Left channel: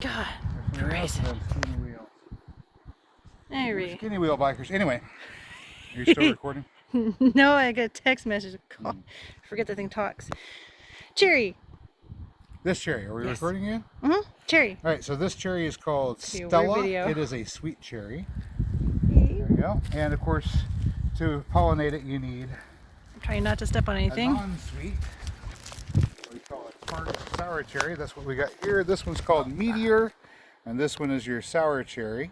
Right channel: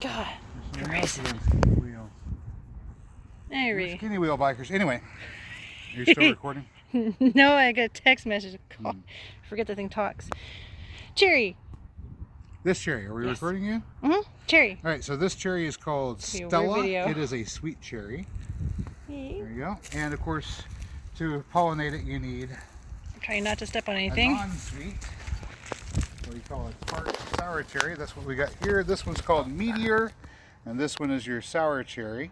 God. Christ. Anyway. Skinny wheel bikers. Anyway, you're still recording? No, I got a text message. I forget the thing talks. Cherry. This cherry. Are we recording again? Cherry. All right. So this cherry is called Stella. It is a sweet cherry. Hey. There you go. And of course, to pollinate it, you need. I'm trying not to step on anything. A non-sweet. What we call a tart sour cherry. That's what we got here. This one's called Meteor, and this one is your sour cherry.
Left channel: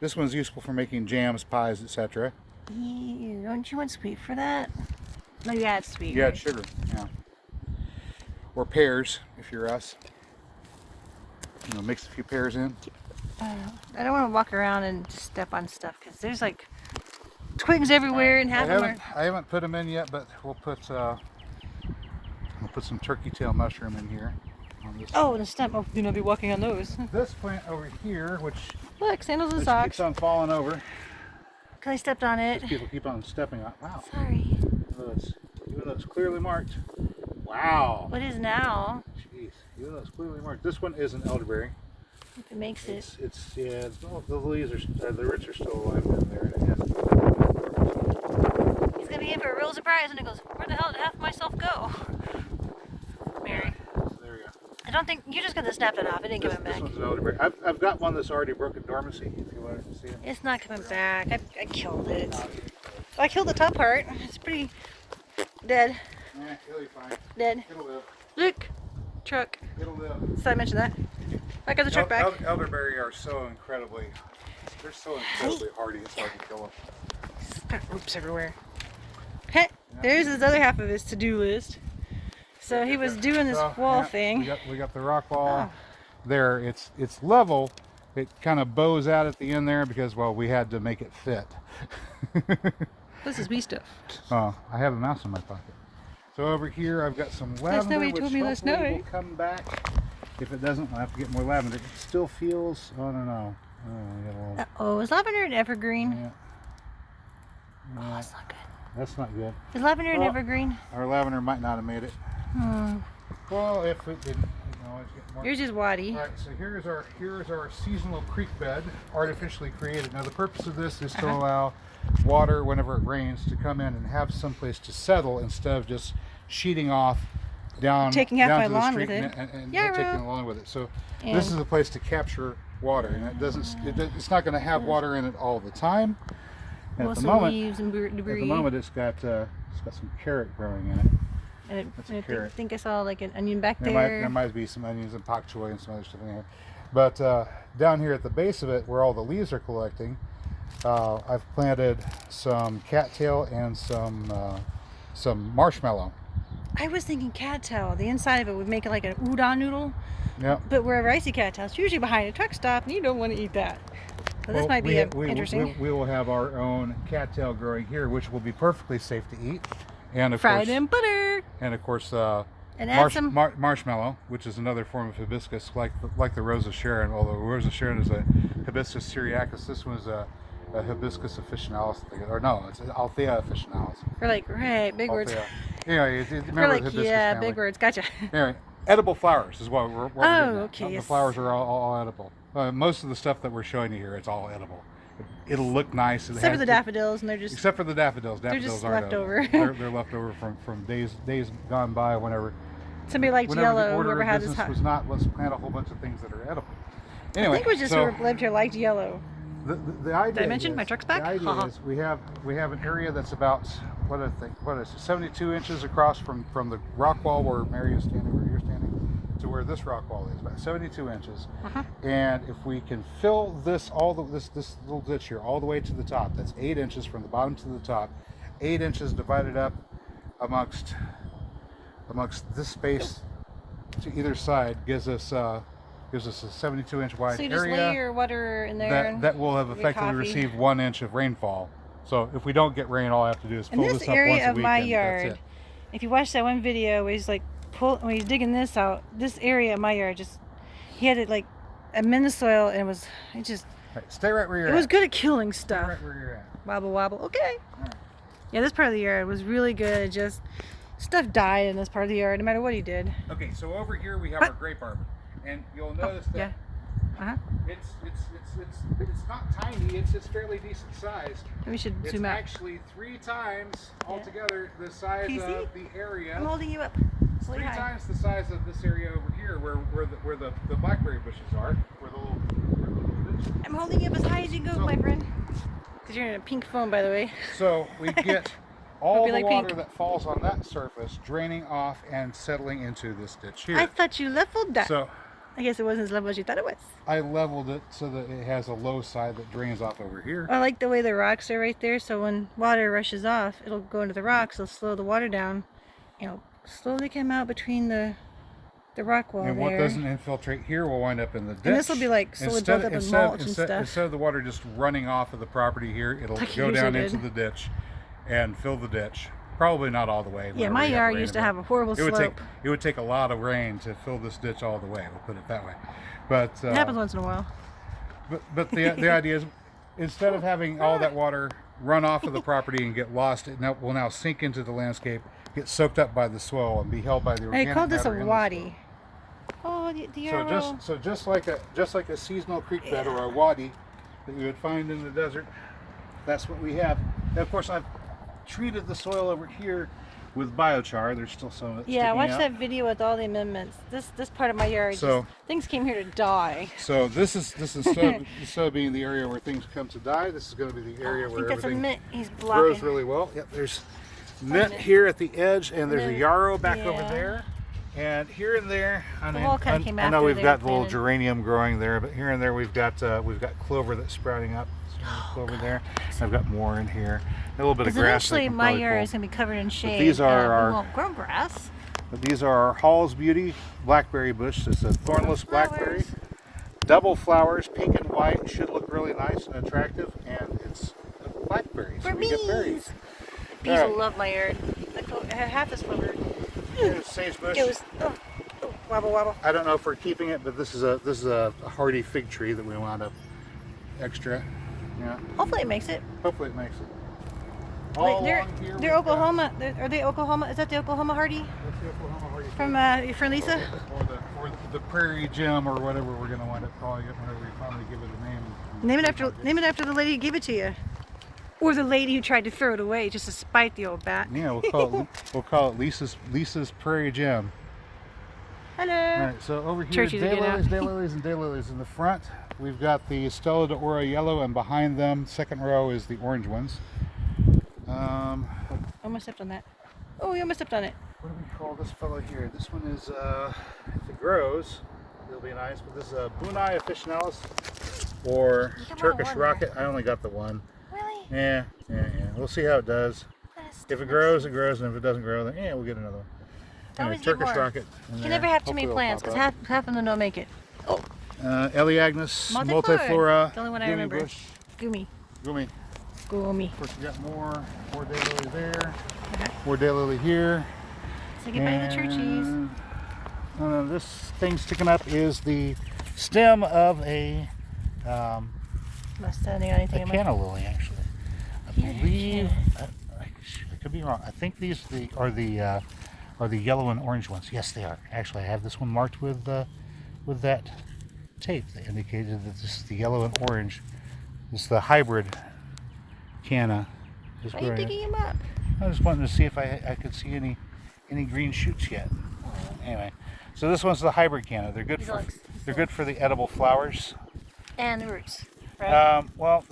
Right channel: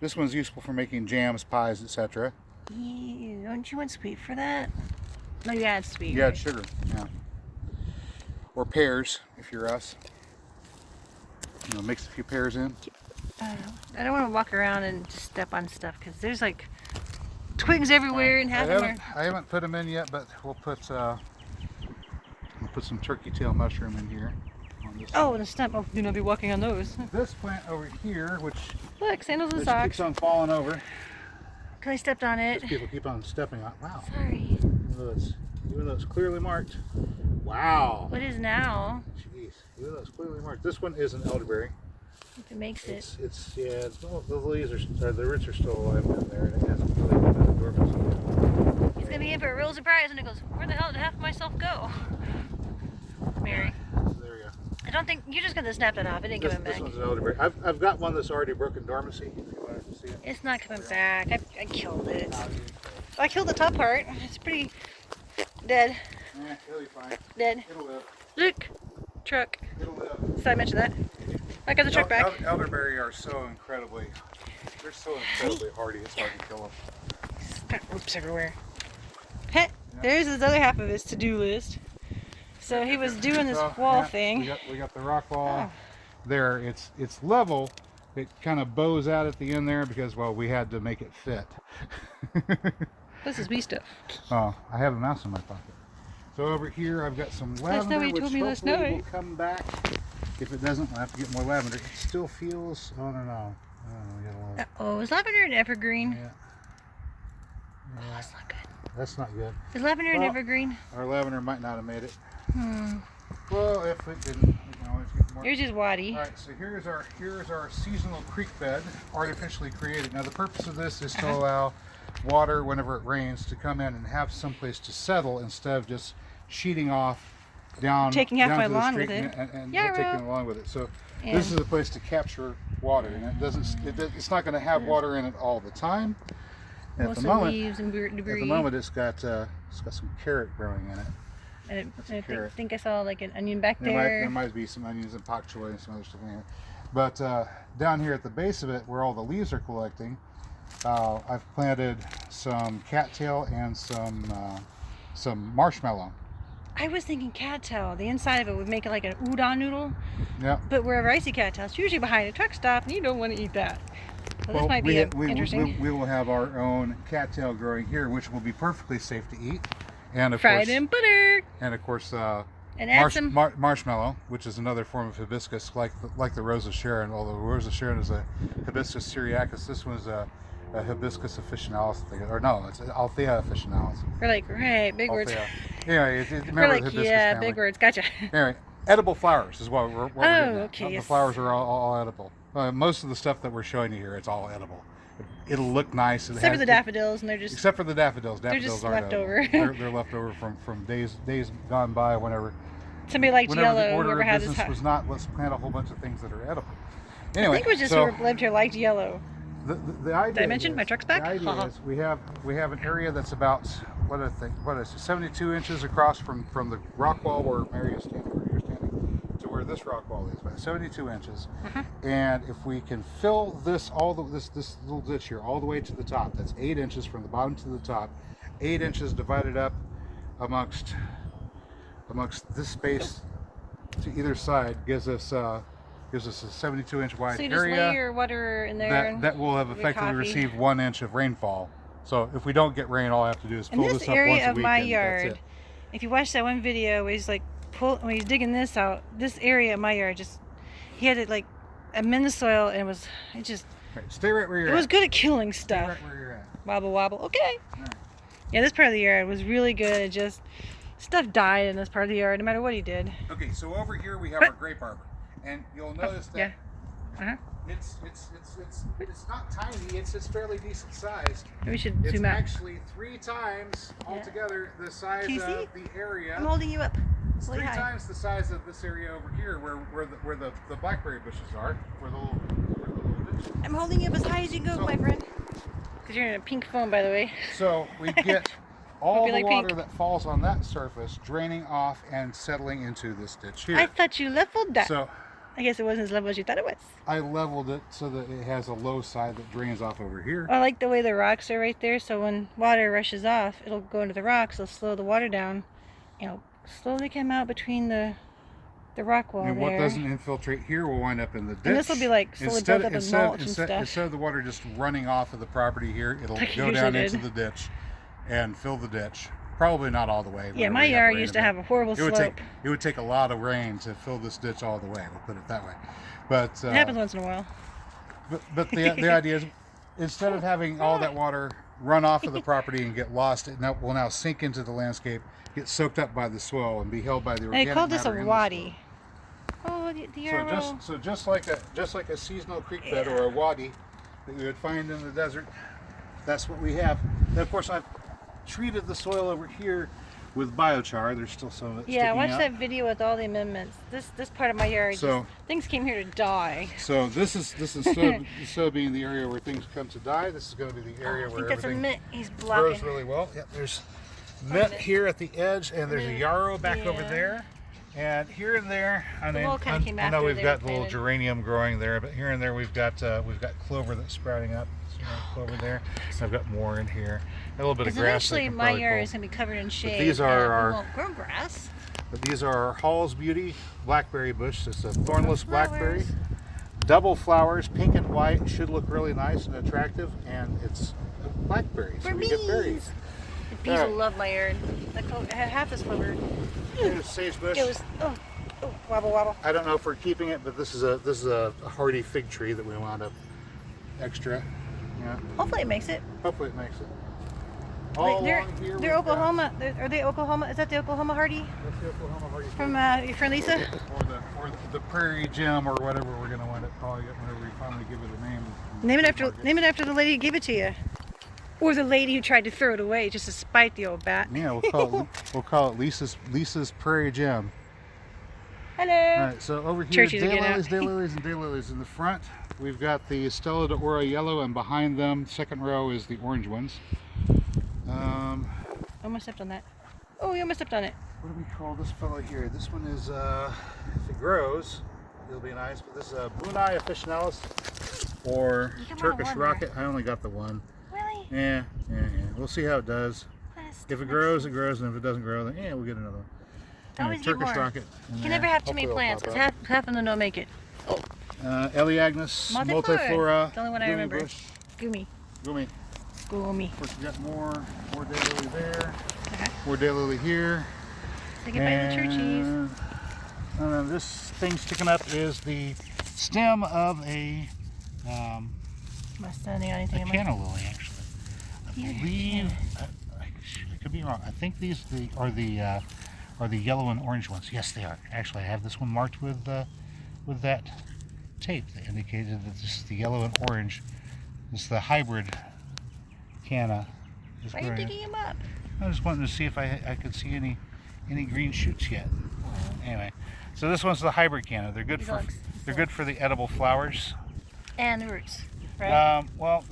This one's useful for making jams, pies, etc. Ew, don't you want sweet for that? No, you add sweet. You add sugar. Yeah. Or pears, if you're us. We'll mix a few pears in. I don't want to walk around and just step on stuff because there's like twigs everywhere and half of them. I haven't put them in yet, but we'll put some turkey tail mushroom in here. Oh, the stump. Oh, you're gonna be walking on those. This plant over here, which look, sandals and socks. keeps on falling over. Because I stepped on it. People keep on stepping on. Wow. Sorry. Look at those clearly marked. Wow. What is now? Jeez, look at those clearly marked. This one is an elderberry. If it makes it. It's yeah. The leaves are the roots are still alive in there. He's gonna be in for a real surprise, and he goes, "Where the hell did half of myself go?" Mary. There we go. I don't think you're just gonna snap that off. It didn't give him back. This one's an elderberry. I've got one that's already broken dormancy. If you want to see it. It's not coming back. I killed it. I killed the top part. It's pretty dead. Yeah, it'll be fine. Dead. It'll live. Look, truck. It'll live. So I mentioned that. I got the truck back. Elderberry are so incredibly. They're so incredibly hardy. It's hard to kill them. It's got ropes everywhere. Hey, there's his other half of his to-do list. So he was doing this wall thing. We got the rock wall there. It's level. It kind of bows out at the end there because, well, we had to make it fit. This is wee stuff. Oh, I have a mouse in my pocket. So over here I've got some lavender, which hopefully will come back. If it doesn't, I'll have to get more lavender. It still feels, I don't know. Uh-oh, is lavender an evergreen? Yeah. Oh, that's not good. That's not good. Is lavender an evergreen? Our lavender might not have made it. Well, if it didn't, we can always get more. Yours is waddy. All right, so here's our seasonal creek bed, artificially created. Now the purpose of this is to allow water, whenever it rains, to come in and have someplace to settle instead of just sheeting off down, taking half down my to the lawn street with it. and taking along with it. So this is a place to capture water, and it's not going to have water in it all the time. And at the moment, leaves and debris. At the moment, it's got some carrot growing in it. And I think I saw like an onion back there. There might be some onions and pak choi and some other stuff in here. But down here at the base of it, where all the leaves are collecting, I've planted some cattail and some marshmallow. I was thinking cattail. The inside of it would make it like an udon noodle. Yeah. But wherever I see cattail, it's usually behind a truck stop, and you don't want to eat that. So this might be interesting. We will have our own cattail growing here, which will be perfectly safe to eat. And of fried course, in butter. And of course, and add some marshmallow, which is another form of hibiscus, like the Rose of Sharon. Although Rose of Sharon is a Hibiscus syriacus, this one is a Hibiscus officinalis, or no, it's Althea officinalis. We're like, right, big words. Anyway, we're like, yeah, family. Big words. Gotcha. Anyway, edible flowers is what we're getting at. Okay. The flowers are all edible. Most of the stuff that we're showing you here, it's all edible. It'll look nice. Except for the daffodils, and they're just... Except for the daffodils. Daffodils are left over. They're left over from days gone by whenever... Somebody liked yellow. The order whoever of had business his was not, let's plant a whole bunch of things that are edible. Anyway, I think it was just whoever lived here liked yellow. The idea Did I mention my truck's back? The idea is we have an area that's about, what is it, 72 inches across from the rock wall where Mary is standing, where you're standing, to where this rock wall is, about 72 inches. And if we can fill this little ditch here all the way to the top, that's 8 inches from the bottom to the top, 8 inches divided up amongst this space to either side gives us a 72-inch wide area. So you just lay your water in there. That will have effectively received 1 inch of rainfall. So if we don't get rain, all I have to do is fill this up once a week. In this area of my yard, if you watch that one video where he's like when he's digging this out, this area of my yard he had it like a minute soil, and stay right where you're at. It was good at killing stuff. Stay right where you're at. Wobble wobble. Okay. Right. Yeah, this part of the yard was really good. Just stuff died in this part of the yard, no matter what he did. Okay, so over here we have our grape arbor, and you'll notice that It's not tiny. It's fairly decent sized. We should It's zoom out. actually 3 times altogether the size Can you see? of the area. I'm holding you up. It's 3 times the size of this area over here, where the blackberry bushes are, where the little ditch. I'm holding you up as high as you can go, my friend. Because you're in a pink phone, by the way. So we get all the like water pink. that falls on that surface draining off and settling into this ditch here. I thought you leveled that. So I guess it wasn't as level as you thought it was. I leveled it so that it has a low side that drains off over here. I like the way the rocks are right there, so when water rushes off, it'll go into the rocks, it'll slow the water down, and it'll slowly come out between the rock wall And there. what doesn't infiltrate here will wind up in the ditch. And this will be like slowly built up with mulch and stuff. Instead of the water just running off of the property here, it'll Like it go down usually into did. the ditch and fill the ditch. Probably not all the way. Yeah, whenever my we have yard rain used to event. have a horrible slope. It would take a lot of rain to fill this ditch all the way. We'll put it that way. But It happens once in a while. But the idea is, instead of having all that water run off of the property and get lost, it will now sink into the landscape, get soaked up by the soil, and be held by the And organic they called this a matter in the wadi. Oh, the arrow. So just like a seasonal creek bed or a wadi that you would find in the desert, that's what we have. And of course, I've treated the soil over here with biochar. There's still some of it Yeah, sticking watch out. that video with all the amendments. This part of my yard, So- things came here to die. So this is instead of being the area where things come to die, this is going to be the area I think where that's a everything mint he's grows blocking. really well. Yep, there's mint here at the edge, and there's a Mint, yarrow back over yeah. there. And here and there, I mean, wall kinda came I know after we've they got were the little planted. geranium growing there, but here and there we've got clover that's sprouting up. Clover there. I've got more in here. A little bit of Because grass. that I eventually can my probably yard pull. is going to be covered in shade. these are and our- we won't grow grass. But these are our Hall's Beauty blackberry bush. It's a thornless blackberry. Double flowers, pink and white. Should look really nice and attractive, and it's blackberries. For we get berries. The bees Alright. will love my yard. I had half this clover. Here's sagebush. It was wobble wobble. I don't know if we're keeping it, but this is a hardy fig tree that we wound up extra. Yeah. Hopefully it makes it. Hopefully it makes it. All Wait, along here. they're we've got- Oklahoma. Are they Oklahoma? Is that the Oklahoma Hardy What's the Oklahoma hardy from your friend Lisa? or the Prairie Gem or whatever we're going to wind up calling it whenever we finally give it a name. Name it after the lady who gave it to you, or the lady who tried to throw it away just to spite the old bat. Yeah, we'll call it Lisa's Prairie Gem. Hello. All right, so over here, Churches again out. daylilies, and daylilies in the front. We've got the Stella d'Oro yellow, and behind them, second row, is the orange ones. Almost stepped on that. Oh, you almost stepped on it. What do we call this fellow here? This one is, if it grows, it'll be nice. But this is a Bunai officinalis, or You got Turkish one there. rocket. I only got the one. Really? Yeah. We'll see how it does. If it grows, it grows, and if it doesn't grow, then we'll get another one. Always get Turkish more. rocket. in You can there. never have too many Hopefully plants it'll because pop half of them don't make it. up. Eleagnus Multiflora. multiflora. The only one I Gumi remember. bush, Gumi. Gumi. Gumi. Of course, we got more daylily there, Uh-huh. more daylily here. Say goodbye to the churchies. And then this thing sticking up is the stem of a Must standing on anything. in my- canna lily, actually. I believe, I could be wrong. I think these are the yellow and orange ones. Yes, they are. Actually, I have this one marked with that tape that indicated that this is the yellow and orange. This is the hybrid canna. is Why are you growing. digging them up? I was wanting to see if I could see any green shoots yet. Anyway, so this one's the hybrid canna. They're good for the edible flowers. And the roots, right? Well,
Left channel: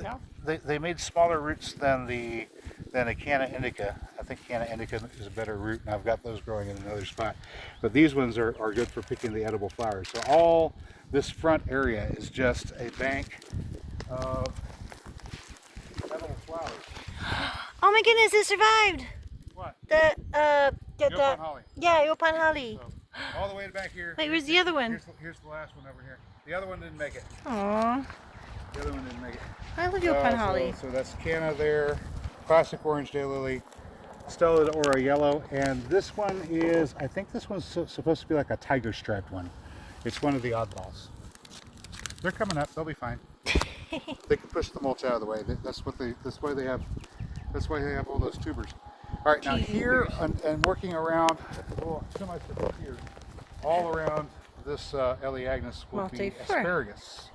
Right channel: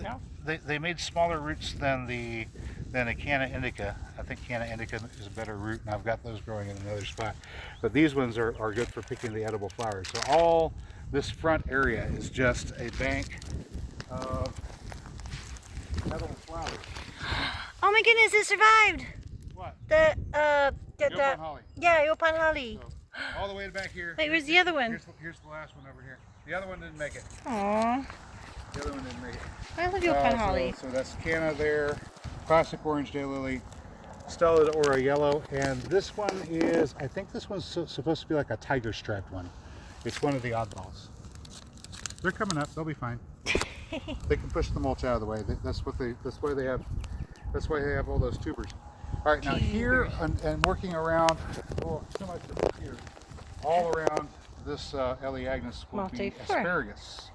No? they made smaller roots than a canna indica. I think canna indica is a better root, and I've got those growing in another spot. But these ones are good for picking the edible flowers. So all this front area is just a bank of edible flowers. Oh my goodness, it survived. What? The Holly. yeah, Yopan Holly. So, all the way back here. Wait, where's the other one? Here's the last one over here. The other one didn't make it. Aww. The other one didn't make it. I love Yopan Holly. So that's canna there, classic orange daylily, Stella d'Oro yellow, and this one is, I think this one's supposed to be like a tiger striped one. It's one of the oddballs. They're coming up. They'll be fine. They can push the mulch out of the way. That's why they have all those tubers. All right, now here and working around, too much here, all around this Elaeagnus would be Multiflora. asparagus.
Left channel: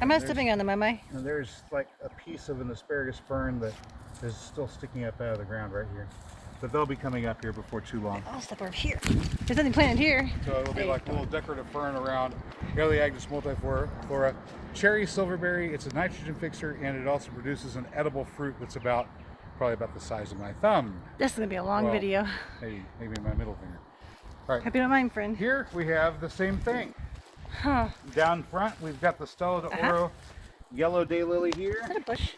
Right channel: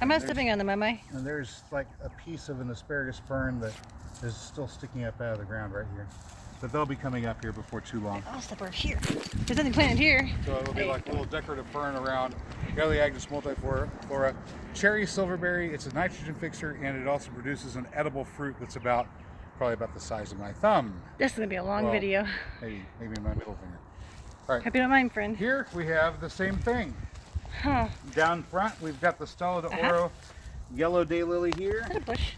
I'm not stepping on them, am I? And there's like a piece of an asparagus fern that is still sticking up out of the ground right here. But they'll be coming up here before too long. I'll step over here. There's nothing planted here. So it'll be like a little decorative fern around Elaeagnus multiflora. Cherry silverberry, it's a nitrogen fixer, and it also produces an edible fruit that's probably about the size of my thumb. This is going to be a long video. Maybe my middle finger. All right. Hope you don't mind, friend. Here we have the same thing. Huh. Down front, we've got the Video.Guru yellow daylily here. Is that a bush?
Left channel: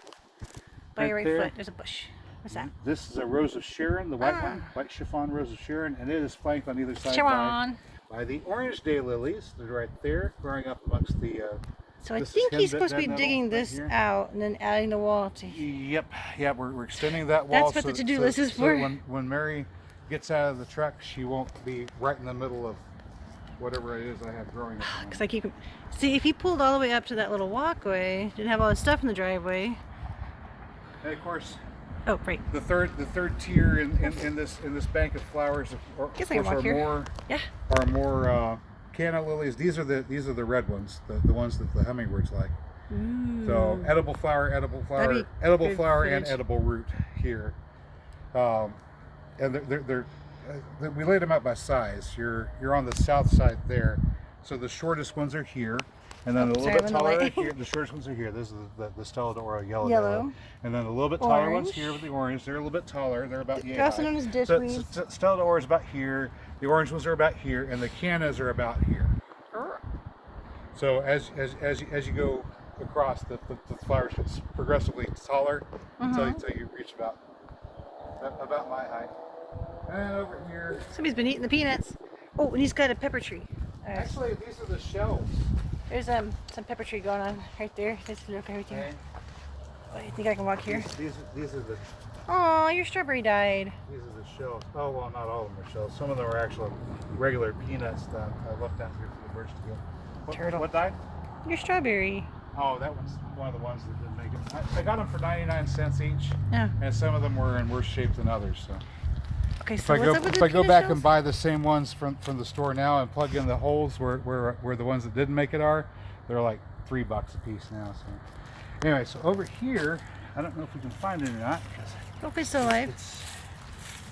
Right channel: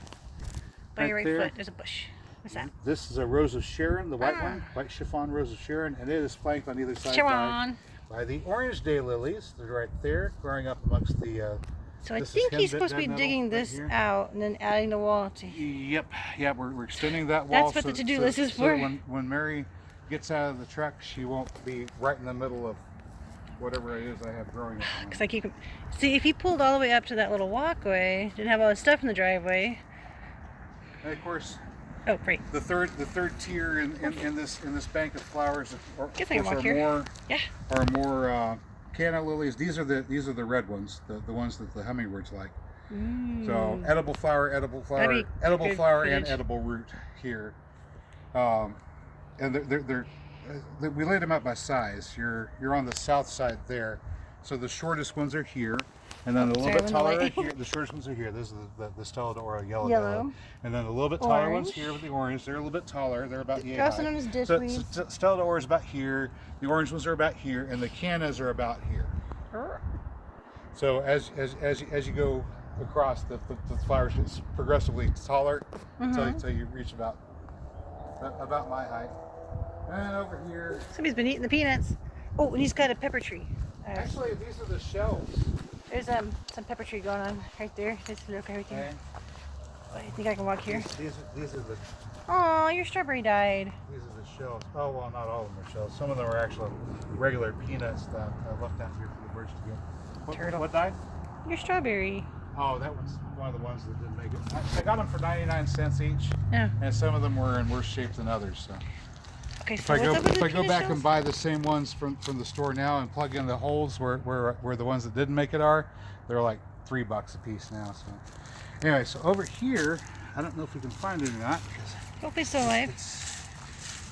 By your right foot, there's a bush. What's that? This is a Rose of Sharon, the white one, white chiffon Rose of Sharon, and it is flanked on either side by the orange daylilies. They're right there, growing up amongst the. So I think he's supposed to be digging this out and then adding the wall to. Yep, we're extending that wall. That's what the to-do list is for. When Mary gets out of the truck, she won't be right in the middle of whatever it is I have growing. Because I keep. See, if he pulled all the way up to that little walkway, didn't have all this stuff in the driveway. And of course. Oh, right. The third tier in this bank of flowers are more canna lilies. These are the red ones, the ones that the hummingbirds like. So edible flower, edible flower, and edible root here. And we laid them out by size. You're on the south side there. So the shortest ones are here. And then a little bit taller here. The shortest ones are here. This is the Stella yellow. And then a little bit taller ones here with the orange. They're a little bit taller. They're about They're also known as dishweed. So Stella is about here. The orange ones are about here, and the cannas are about here. So as you go across, the flowers get progressively taller until you reach about my height. And over here. Somebody's been eating the peanuts. Oh, and he's got a pepper tree. Actually, these are the shells. There's some pepper tree going on right there. Let's look right there. I think I can walk here. These are the. Oh, your strawberry died. These are the shells. Oh well, not all of them are shells. Some of them are actual regular peanuts that I left down here for the birds to go. Turtle. What died? Your strawberry. Oh, that one's one of the ones that didn't make it. I got them for 99 cents each. Yeah. And some of them were in worse shape than others. So. Okay, so if I go back and buy the same ones from the store now and plug in the holes where the ones that didn't make it are, they're like $3 a piece now. So anyway, so over here, I don't know if we can find any or not. Hopefully still alive.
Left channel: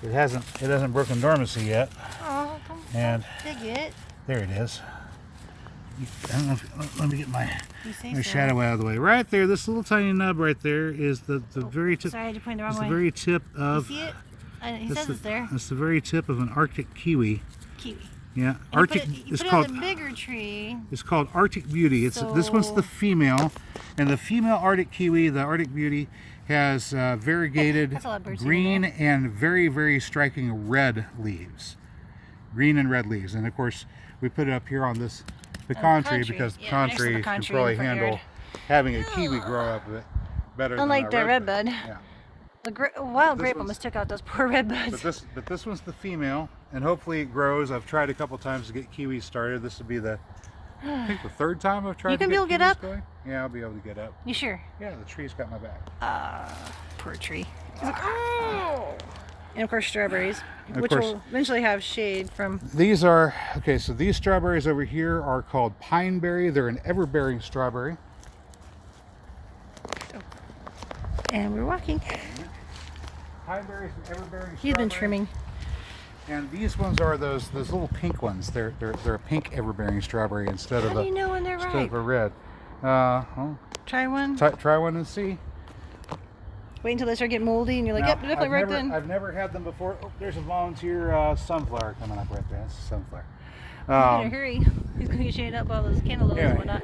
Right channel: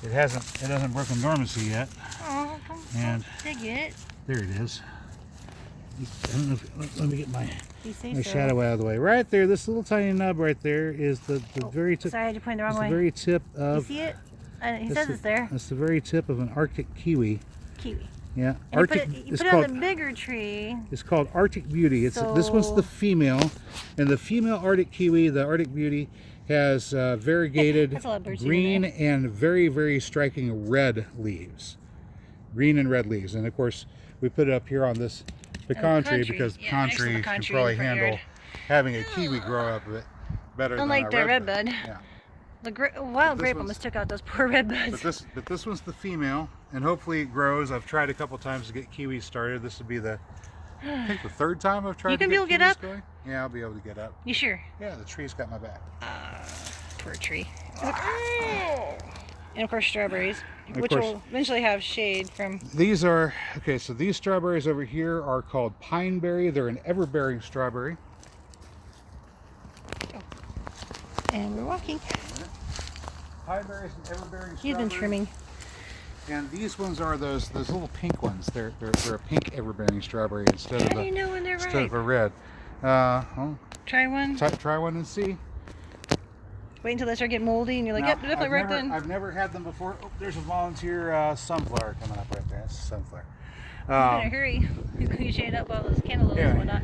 It hasn't broken dormancy yet. Oh, don't dig it. There it is. I don't know let me get my so. shadow out of the way. Right there, this little tiny nub right there is the very tip. Sorry, I had to point the wrong way. The very tip of. You see it? He says it's there. It's the very tip of an Arctic kiwi. Kiwi. Yeah, and Arctic. It's called the bigger tree. It's called Arctic Beauty. This one's the female, and the female Arctic kiwi, the Arctic Beauty, has variegated green and very, very striking red leaves. Green and red leaves, and of course we put it up here on this pecan tree because the pecan tree can probably handle having a kiwi grow up a bit better. Unlike the redbud. Yeah. The wild grape almost took out those poor red buds. But this one's the female, and hopefully it grows. I've tried a couple times to get kiwis started. This would be I think the third time I've tried. You can be able to get up? Going. Yeah, I'll be able to get up. You sure? Yeah, the tree's got my back. Poor tree. And of course strawberries, which will eventually have shade from. These are okay. So these strawberries over here are called pineberry. They're an ever-bearing strawberry. And we're walking. Pineberries and ever-bearing. He's been trimming. And these ones are those little pink ones. They're a pink ever-bearing strawberry instead of a red. Try one. Try one and see. Wait until they start getting moldy, and you're like, yep, definitely right then. I've never had them before. Oh, there's a volunteer sunflower coming up right there. It's a sunflower. You better hurry. You can shade up all those cantaloupes and whatnot.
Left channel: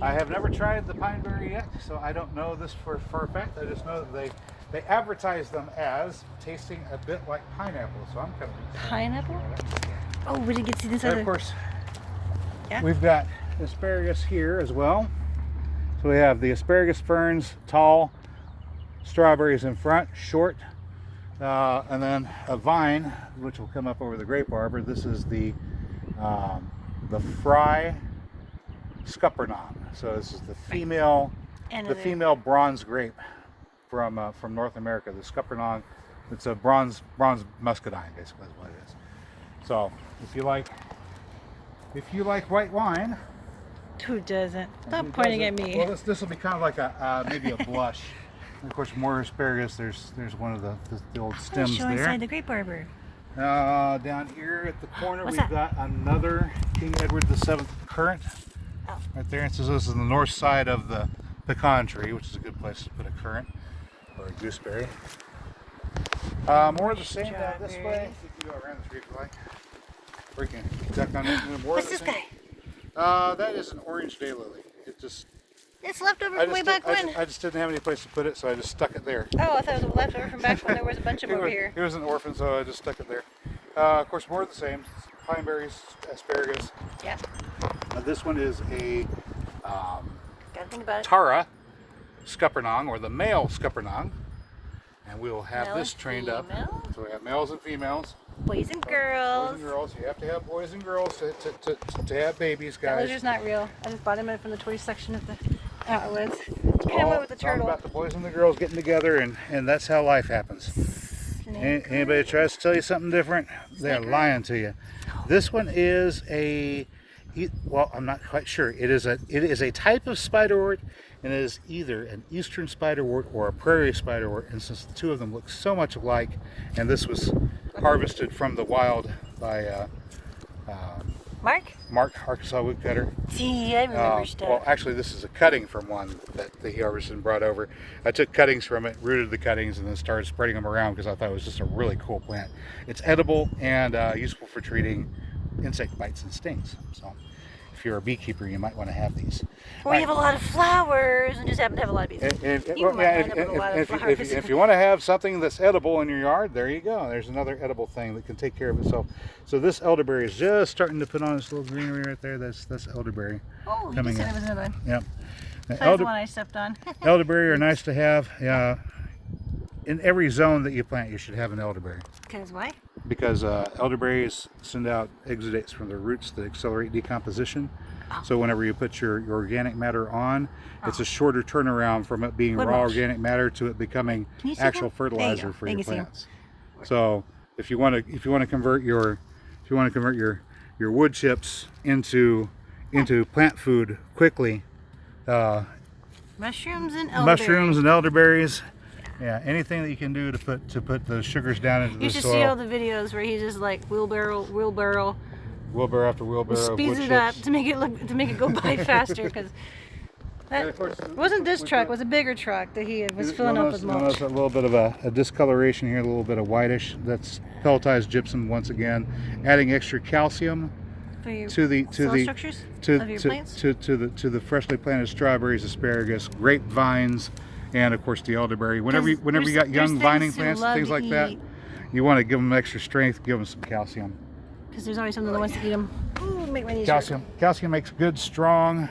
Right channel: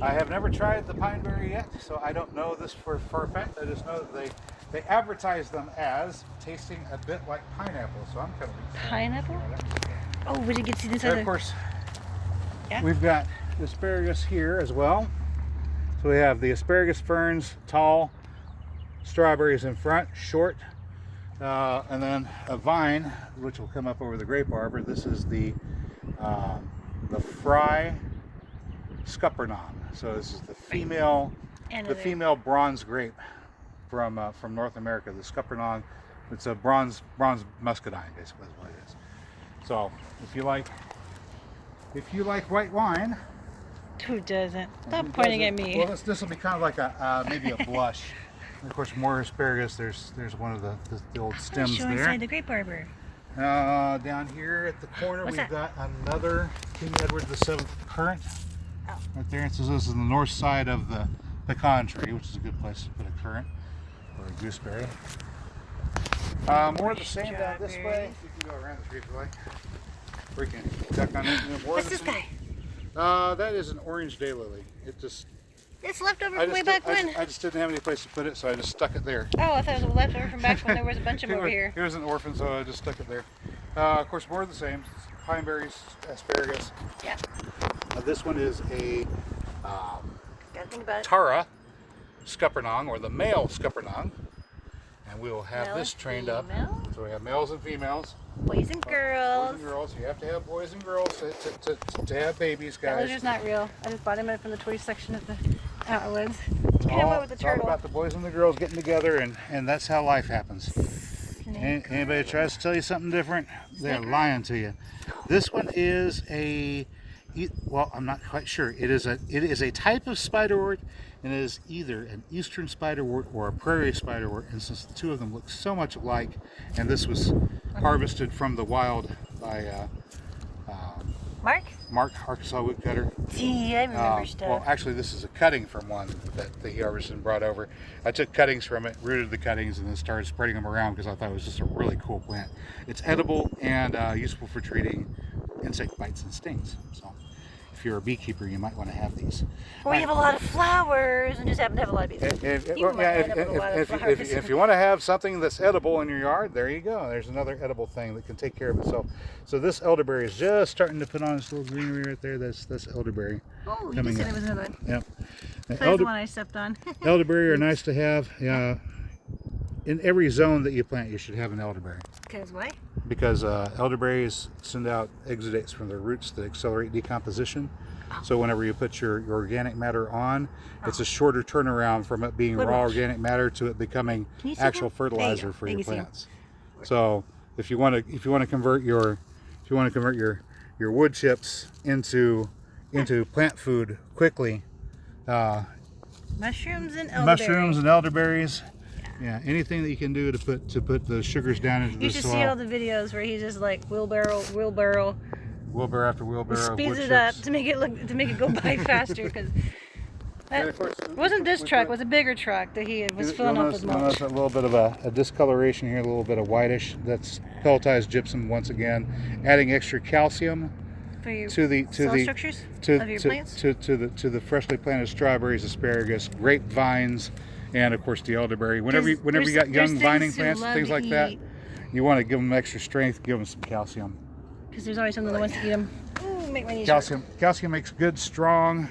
I have never tried the pineberry yet, so I don't know this for a fact. I just know that they advertise them as tasting a bit like pineapple, so I'm kind of pineapple. Oh, we did get to see this. Of course, we've got asparagus here as well. So we have the asparagus ferns, tall, strawberries in front, short, and then a vine, which will come up over the grape arbor. This is the fry scuppernong. So this is the female bronze grape from North America. The scuppernong, it's a bronze muscadine, basically is what it is. So if you like if you like white wine. Who doesn't? Stop pointing at me. Well, this will be kind of like a maybe a blush. And of course, more asparagus. There's one of the old stems show there. inside the grape arbor. Down here at the corner, we've got another King Edward VII currant. Oh. Right there. It says this is the north side of the pecan tree, which is a good place to put a currant or a gooseberry. More of the same down this way. You go around the tree if you like. We can check on it. More What's of the this same. guy? That is an orange daylily. It just. It's leftover from way back when. I just didn't have any place to put it, so I just stuck it there. Oh, I thought it was a leftover from back when there was a bunch of them over here. It was an orphan, so I just stuck it there. Of course, more of the same. Pine berries, asparagus. Yeah. This one is a Gotta think about it. Tara scuppernong, or the male scuppernong. And we will have this trained up. So we have males and females. Boys and girls. Boys and girls. You have to have boys and girls to have babies, guys. That lizard's not real. I just bought him in from the toy section of the outlets. Get him all, with the it's all turtle. about the boys and the girls getting together, and that's how life happens. Anybody tries to tell you something different, they're lying to you. This one is well, I'm not quite sure. It is a type of spiderwort, and it is either an eastern spiderwort or a prairie spiderwort. And since the two of them look so much alike, and this was harvested from the wild by Mark, Arkansas woodcutter. See, I remember stuff. Well, actually, this is a cutting from one that he harvested and brought over. I took cuttings from it, rooted the cuttings, and then started spreading them around because I thought it was just a really cool plant. It's edible and useful for treating insect bites and stings. So, if you're a beekeeper, you might want to have these. Well, we have a lot of flowers and just happen to have a lot of bees. If you want to have something that's edible in your yard, there you go. There's another edible thing that can take care of itself. So this elderberry is just starting to put on its little greenery right there. This elderberry. Oh, you just said it was another one. Yeah. So that's the one I stepped on. Elderberry are nice to have. In every zone that you plant, you should have an elderberry. Because why? Because elderberries send out exudates from their roots that accelerate decomposition. So whenever you put your organic matter on, it's a shorter turnaround from it being raw organic matter to it becoming actual fertilizer for your plants. So if you want to convert your wood chips into plant food quickly, mushrooms and elderberries. Yeah, anything that you can do to put the sugars down into the soil. You should see all the videos where he's just like wheelbarrow after wheelbarrow. Speeds it up to make it go by faster. Because wasn't this truck? It was a bigger truck that he was filling up with mulch. Notice a little bit of a discoloration here, a little bit of whitish. That's pelletized gypsum once again, adding extra calcium to the freshly planted strawberries, asparagus, grapevines, and of course the elderberry. Whenever you got young vining plants and things like that, you want to give them extra strength, give them some calcium. Because there's always something that wants to eat them. Ooh, make my knees calcium. Calcium makes good, strong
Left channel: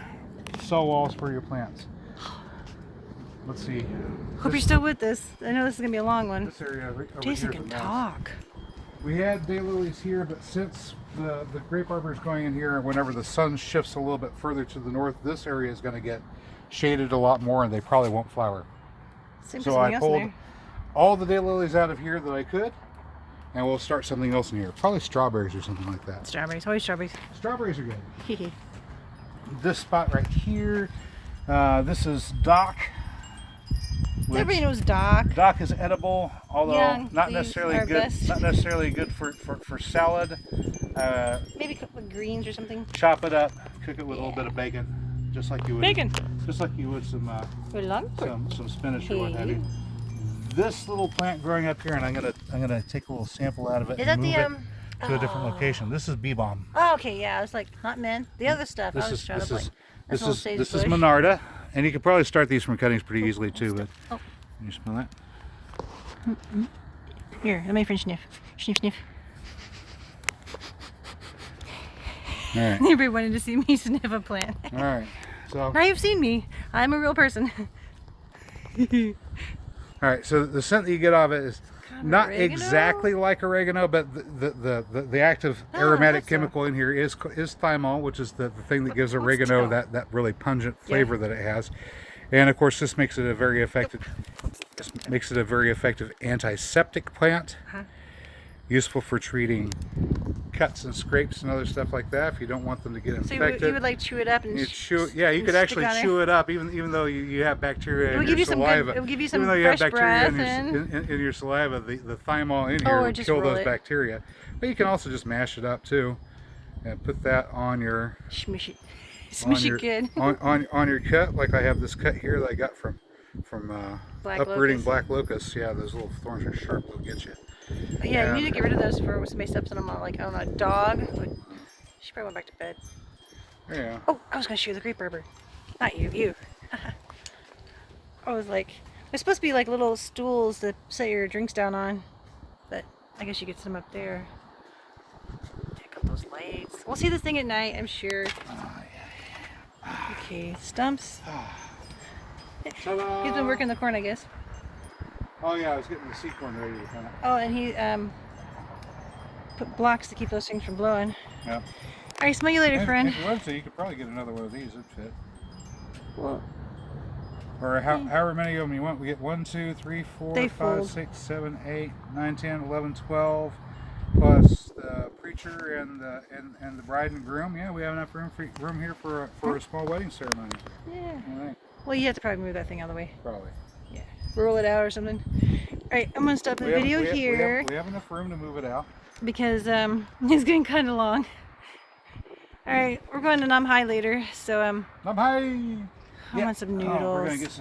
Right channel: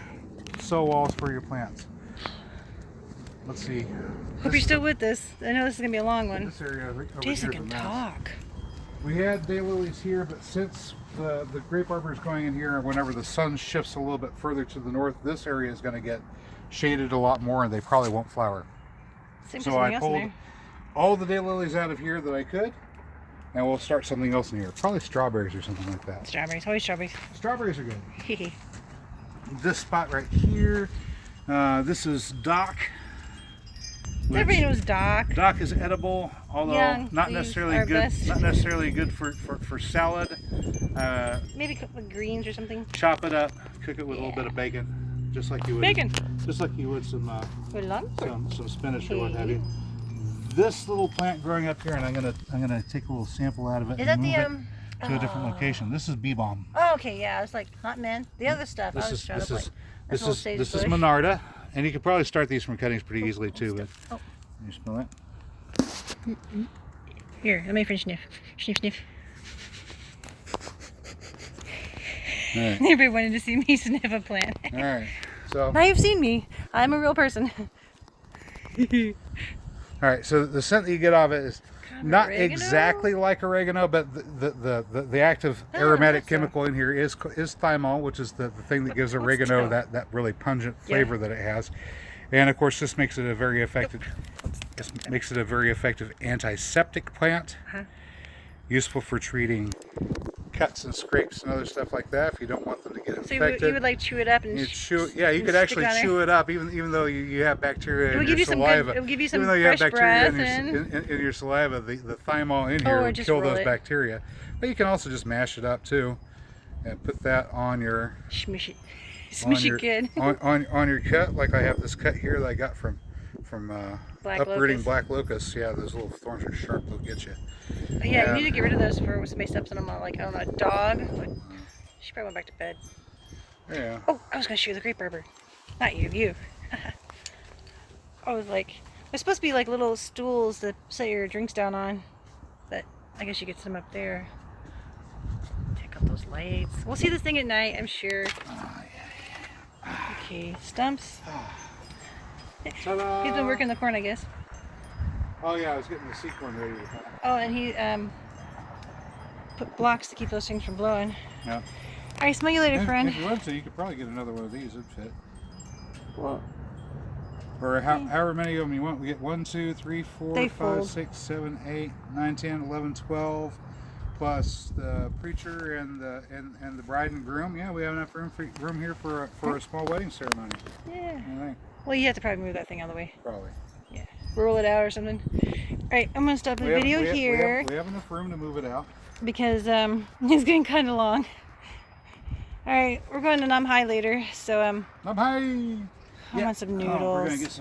cell walls for your plants. Let's see. Hope you're still with us. I know this is going to be a long one. This area over Jason here can talk. We had daylilies here, but since the grape arbor is going in here, and whenever the sun shifts a little bit further to the north, this area is going to get shaded a lot more, and they probably won't flower. So I pulled all the daylilies out of here that I could, and we'll start something else in here. Probably strawberries or something like that. Strawberries, always strawberries. Strawberries are good. This spot right here, this is Doc. Everybody knows Doc. Doc is edible, although not necessarily good for salad. Maybe cook with greens or something. Chop it up, cook it with a little bit of bacon, just like you would. Just like you would some spinach or what have you. This little plant growing up here, and I'm gonna take a little sample out of it and move it to a different location. This is bee balm. Oh, okay, yeah. I was like, not men. The other stuff. This is Monarda, and you could probably start these from cuttings pretty easily too. But can you smell that? Here, let me finish sniff. Sniff. All right. Everybody wanted to see me sniff a plant. All right. So now you've seen me. I'm a real person. All right, so the scent that you get out of it is not exactly like oregano, but the active aromatic chemical in here is thymol, which is the thing that gives oregano that really pungent flavor that it has. And of course, this makes it a very effective antiseptic plant, useful for treating cuts and scrapes and other stuff like that. If you don't want them to get So infected, you would like chew it up and you chew. Yeah, you and could stick actually it on there? chew it up, even though you have bacteria It'll in give your you some good. saliva. It'll give you Even some though you have fresh bacteria breath in your saliva, the thymol in Oh, here or will just kill roll those it. bacteria. But you can also just mash it up too, and put that on your Smushy, on smushy your good. on your cut. Like I have this cut here that I got from Black uprooting locust. black locusts. Yeah, those little thorns are sharp. They'll get you. Yeah, you And, need to get rid of those for somebody steps on them on, like, I don't know, a dog. Like, she probably went back to bed. yeah. Oh, I was gonna shoot the grape arbor. Not you, you. I was like, they're supposed to be like little stools to set your drinks down on, but I guess you get some up there. Check out those lights. We'll see this thing at night, I'm sure. Okay, stumps. Ta-da! He's been working the corn, I guess. Oh yeah, I was getting the seed corn ready to come. Oh, and he put blocks to keep those things from blowing. Yeah. All right, smell you later, And friend. if you wanted to, you could probably get another one of these. It'd fit. Well, Or however many of them you want. We get 1, 2, 3, 4, They 5, fold. 6, 7, 8, 9, 10, 11, 12, plus the preacher and the bride and groom. Yeah, we have enough room here for a small wedding ceremony. yeah. All right, Well, you have to probably move that thing out of the way. probably. Yeah. Roll it out or something. All right, I'm gonna stop the video here We have enough room to move it out. because it's getting kind of long. All right, we're going to Nam Hai later, so Bye bye. I want some noodles. Oh, we're gonna get some.